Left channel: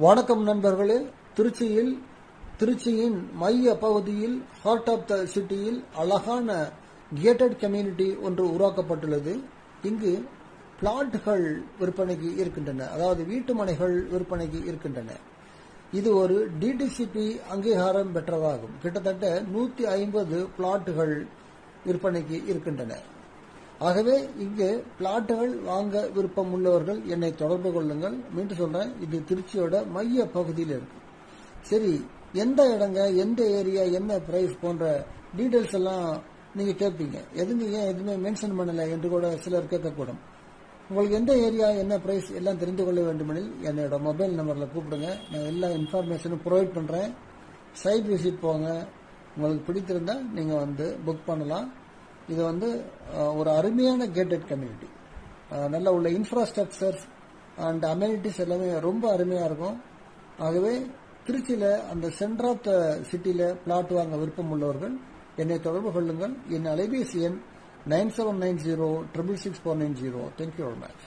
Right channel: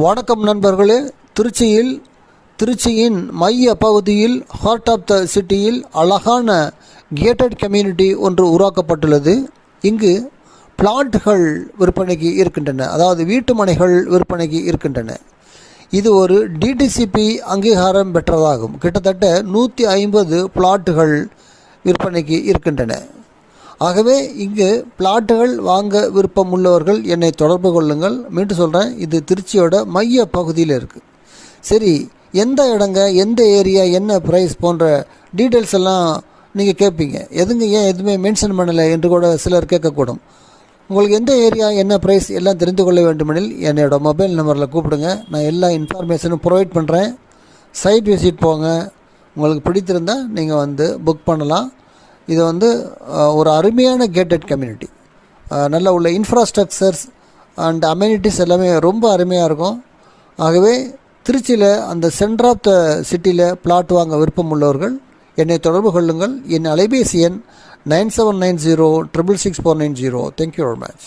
வணக்கம் நண்பர்களே. திருச்சியின் மைய பகுதியில் ஹார்ட் ஆஃப் த சிட்டியில் அழகான கேட்டட் கம்யூனிட்டி ஒன்று உருவாக்கப்பட்டுள்ளது. இங்கு பிளாட்டுகள் விற்பனைக்கு இருக்கின்றன, அதாவது வீட்டு மனைகள் விற்பனைக்கு இருக்கின்றன. இது ஒரு டிடிசிபி அங்கீகாரம் பெற்றதாகும். கிட்டத்தட்ட 150 பிளாட்டுகள் விற்பனைக்கு இருக்கின்றன. ஆகவே இங்கு பிளாட்டுகள் வாங்க விருப்பம் உள்ளவர்கள் என்னை தொடர்பு கொள்ளுங்கள். மீண்டும் சொல்கிறேன், இது திருச்சியோட மைய பகுதியில் இருக்குது. சரி, எந்த இடங்க, எந்த ஏரியா, என்ன ப்ரைஸ் போன்ற டீட்டெயில்ஸ் எல்லாம் நீங்கள் கேட்பீங்க. ஏன் எதுவுமே மென்ஷன் பண்ணலை என்று கூட சிலர் கேட்கக்கூடும். உங்களுக்கு எந்த ஏரியா, என்ன ப்ரைஸ் எல்லாம் தெரிந்து கொள்ள வேண்டுமெனில் என்னோட மொபைல் நம்பரில் கூப்பிடுங்க. நான் எல்லா இன்ஃபர்மேஷனும் ப்ரொவைட் பண்ணுறேன். சைட் விசிட் போங்க. உங்களுக்கு பிடித்திருந்தால் நீங்கள் வந்து புக் பண்ணலாம். இது ஒரு அருமையான கேட்டட் கம்யூனிட்டி. நல்ல உள்ள இன்ஃப்ராஸ்ட்ரக்சர்ஸ் அண்ட் அமெனிட்டிஸ் எல்லாமே ரொம்ப அருமையாக இருக்கும். ஆகவே திருச்சியில் அந்த சென்டர் ஆஃப் த சிட்டியில் பிளாட் வாங்க விருப்பம் உள்ளவர்கள் என்னை தொடர்பு கொள்ளுங்கள். என் அலைபேசி எண் 9790 666 490. Thank you very much.